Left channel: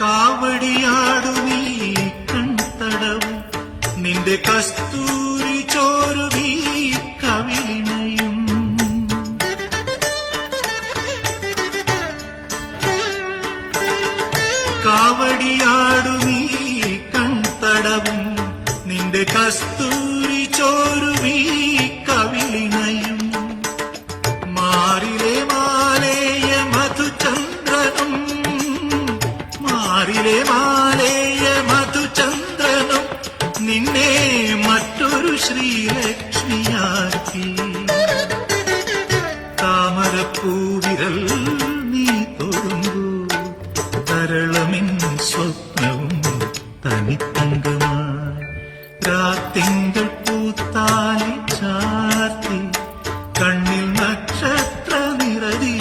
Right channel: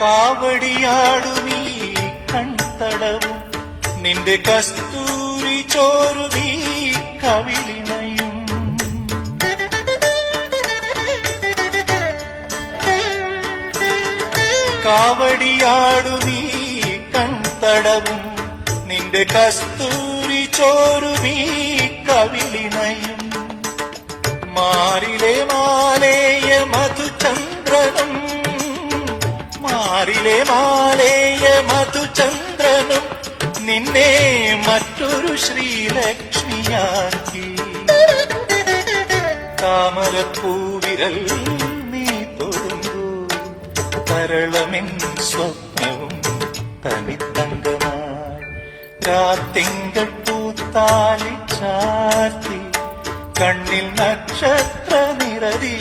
കാവടിയാടുമീ കൺതടവും. നിന്റെ കസ്തൂരി ചോരുമീ കവിളിനയും. കാവടിയാടുമീ കൺതടവും. നിന്റെ കസ്തൂരി ചോരുമീ കവിളിനയും. മാറിലെ മാലേയ മാറിലെ മാലേയ മധുചന്ദ്രനും നിന്നെ മറ്റൊരു ശ്രീലക്ഷ്മിയാക്കി. താമരപ്പൂവിരൽ നീ തൊഴുമ്പോ തരളമെൻ സ്വപ്നവും തനിത്തങ്കമായി. രാത്തിങ്കൾ പൂത്താലി ചാത്തി കണ്ണിൽ നക്ഷത്ര നിറതി